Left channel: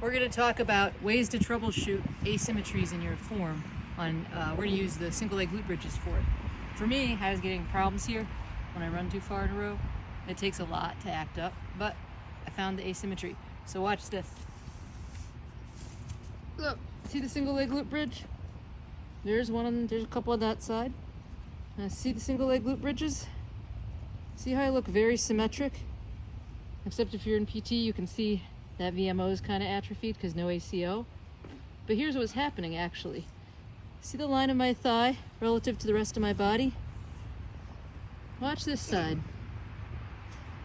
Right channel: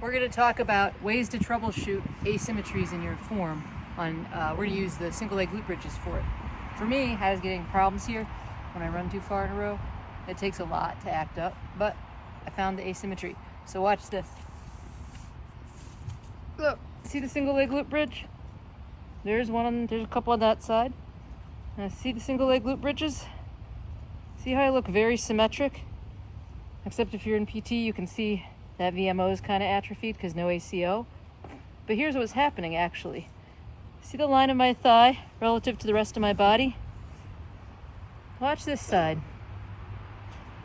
We're going to talk about ways to troubleshoot asymmetries in your form. We're going to use the single leg glute bridges for it. For me, I was getting problems here when I run too far in a row. It takes a lot to act up, but I found the asymmetry. So watch this. Look, see the single leg glute bridge? There's a couple on that side. And see the single leg glute bridges? See how I look very symmetric? Except if you're in PT, you can see that VMO is kind of atrophied because no ACO. But here's what's happening actually. See the line of my thigh relative to the rest of my body? Watch this side.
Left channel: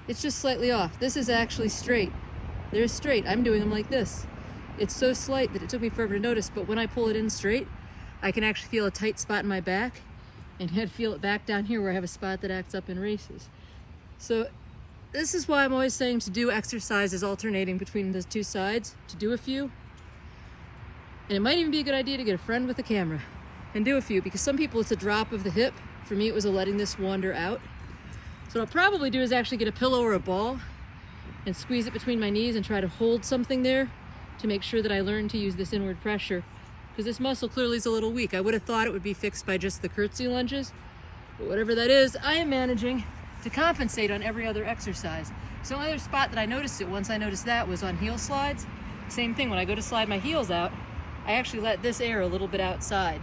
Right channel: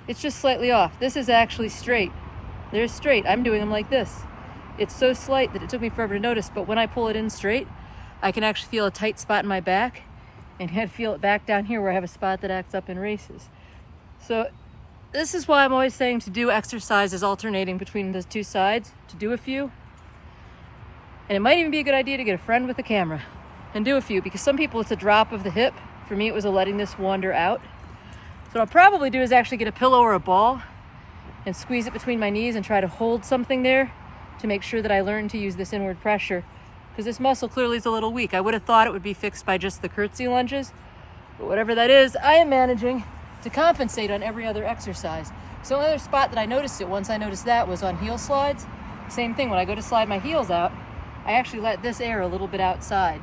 It's just slightly off. This is actually straight. They're straight. I'm doing them like this. It's so slight that it took me forever to notice, but when I pull it in straight, I can actually feel a tight spot in my back and I feel it back down here where I have a spot that acts up in races. So this is why I'm always saying to do exercises alternating between the two sides, to do a few. And it might even be a good idea to get a friend with a camera and do a few, because some people it's a drop of the hip. For me, it was a letting this wander out. So what I'll probably do is actually get a pillow or a ball and squeeze it between my knees and try to hold something there to make sure that I learn to use this inward pressure, because this muscle clearly is a little weak. I would have thought it would be fixed by just the curtsy lunges, but whatever that is, I am managing to compensate on every other exercise. So another spot that I noticed it once I noticed that was on heel slides. Same thing, when I go to slide my heels out, I actually let this air a little bit outside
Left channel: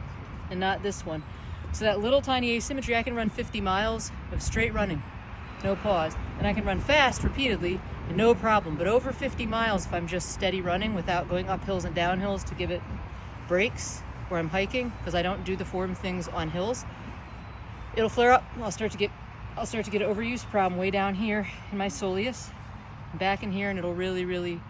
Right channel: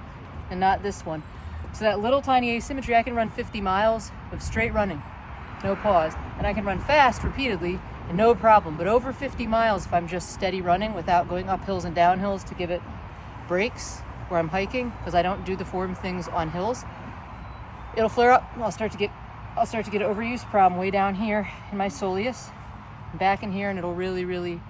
and not this one. So that little tiny asymmetry, I can run 50 miles of straight running, no pause. And I can run fast repeatedly and no problem. But over 50 miles, if I'm just steady running without going up hills and down hills to give it breaks where I'm hiking, because I don't do the form things on hills, it'll flare up. I'll start to get an overuse problem way down here in my soleus, back in here, and it'll really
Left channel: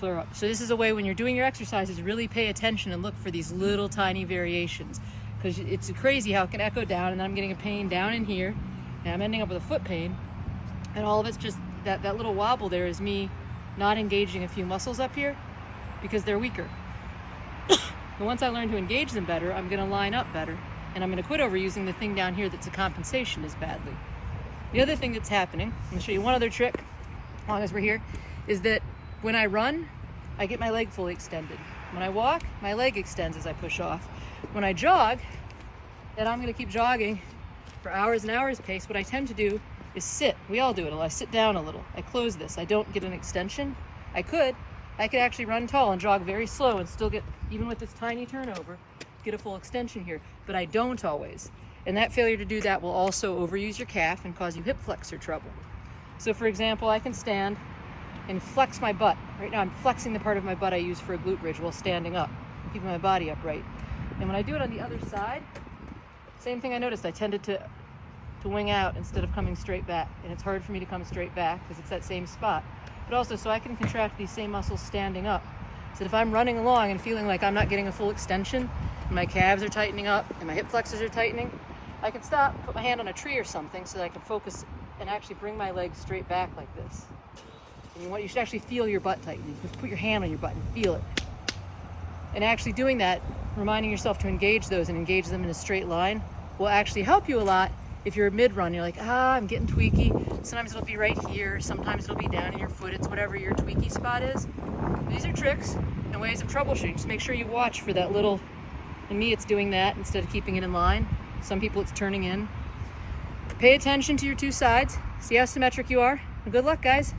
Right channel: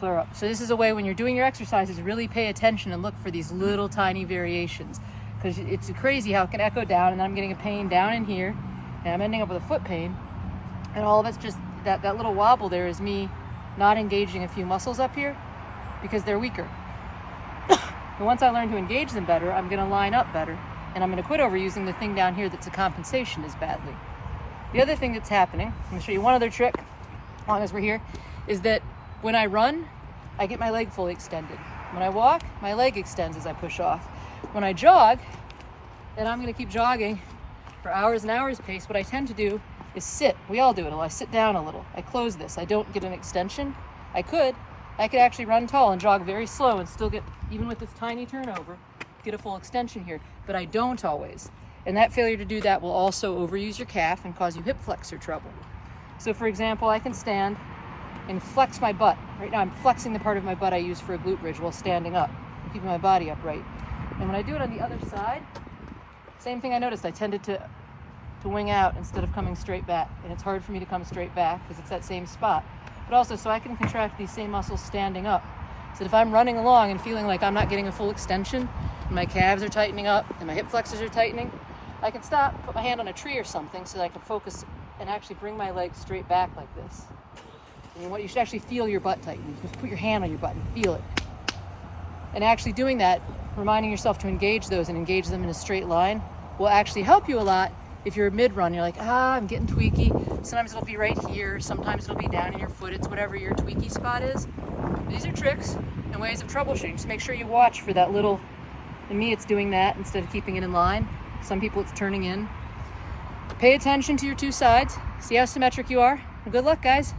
flare up. So this is a way when you're doing your exercises, really pay attention and look for these little tiny variations, because it's crazy how it can echo down, and then I'm getting a pain down in here, and I'm ending up with a foot pain, and all of it's just that little wobble there is me not engaging a few muscles up here because they're weaker. And once I learn to engage them better, I'm going to line up better. And I'm going to quit overusing the thing down here that's a compensation as badly. The other thing that's happening, I'm going to show you one other trick, as long as we're here, is that when I run, I get my leg fully extended. When I walk, my leg extends as I push off. When I jog, and I'm going to keep jogging for hours and hours pace, what I tend to do is sit. We all do it. I sit down a little. I close this. I don't get an extension. I could actually run tall and jog very slow and still get, even with this tiny turnover, get a full extension here, but I don't always. And that failure to do that will also overuse your calf and cause you hip flexor trouble. So for example, I can stand and flex my butt. Right now I'm flexing the part of my butt I use for a glute bridge while standing up, keeping my body upright. And when I do it on the other side, same thing I noticed, I tended to wing out instead of coming straight back. And it's hard for me to come straight back because it's that same spot. But also, so I can contract these same muscles standing up. So if I'm running along and feeling like I'm not getting a full extension, and my calves are tightening up, and my hip flexors are tightening, I can stop, put my hand on a tree or something so that I can focus and actually bring my legs straight back like this. And you should actually feel your butt tighten. Just put your hand on your butt and feel it. And actually doing that, reminding yourself to engage those and engage them in a straight line, will actually help you a lot. If you're mid-run, you're like, I'm getting tweaky. Sometimes it'll be right here. Sometimes it'll be down in your foot. It's whatever your tweaky spot is. These are tricks and ways of troubleshooting. Just make sure you watch for that little, in me it's doing that instead of keeping it in line. Some people it's turning in. Pay attention to your two sides. See how symmetric you are. Good luck, guys.